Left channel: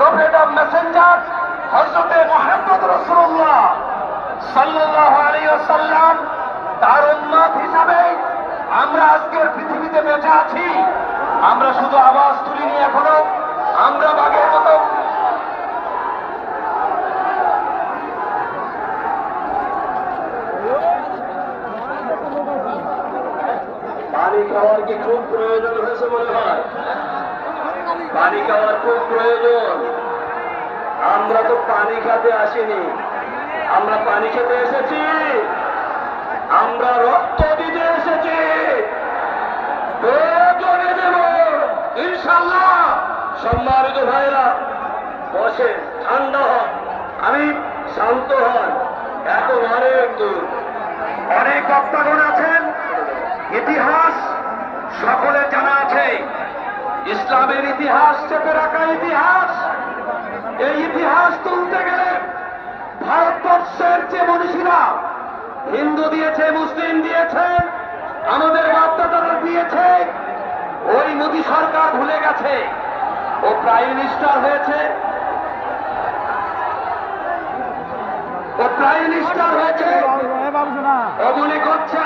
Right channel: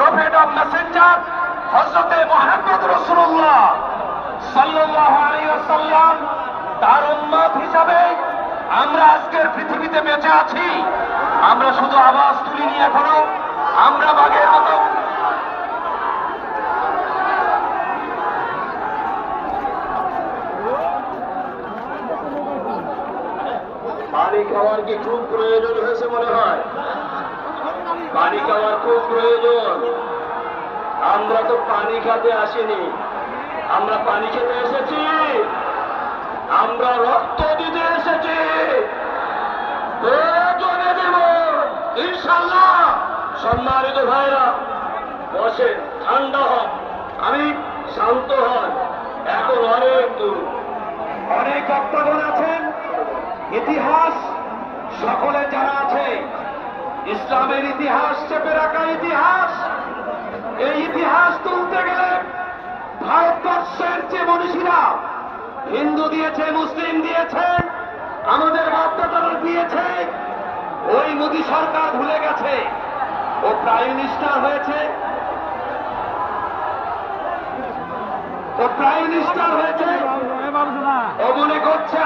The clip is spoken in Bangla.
প্রফেট অফ মেসেঞ্জার হযরতে মুহাম্মদ রাসূলুল্লাহ সাল্লাল্লাহু আলাইহি ওয়াসাল্লাম তার উম্মত হিসাবে আমরা আজকের পৃথিবীতে বেঁচে আছি। আমরা শুধু আওয়াজ তুলিনি, এখনো আমরা বাঘের মতো পানি খাওয়ার কি খুব প্রয়োজন হয়েছে মনে হয়? পানি খাওয়ার খুব প্রয়োজন। আমরা তো পানি খেতে আসিনি, আমরা পানি খেতে এসেছি, আমরা রক্ত দিতে এসেছি। প্রয়োজনে দেব ইনশাল্লাহ। সম্মানিত ভাইরা বসেন, ঠান্ডা হন, আমি শান্ত হন। এখন অনেক দূর, অনেক বক্তাগণ আছেন, ইতিহাস সকলের জানা আছে। ইসলামের ইতিহাস, চেপে রাখা ইতিহাস, এই ইতিহাস তুলতে গেলে ভারতবর্ষের যে মনীষীরা হিন্দু দিয়েছে, মুসলিম দিয়েছে, আমাদের বাপদাদারা দিয়েছে, ওই মোদী সরকার ভুলে গেছে। ও প্রাইম মিনিস্টার হয়েছে, ও প্রাইম মিনিস্টার হয়েছে, ও মনে করছে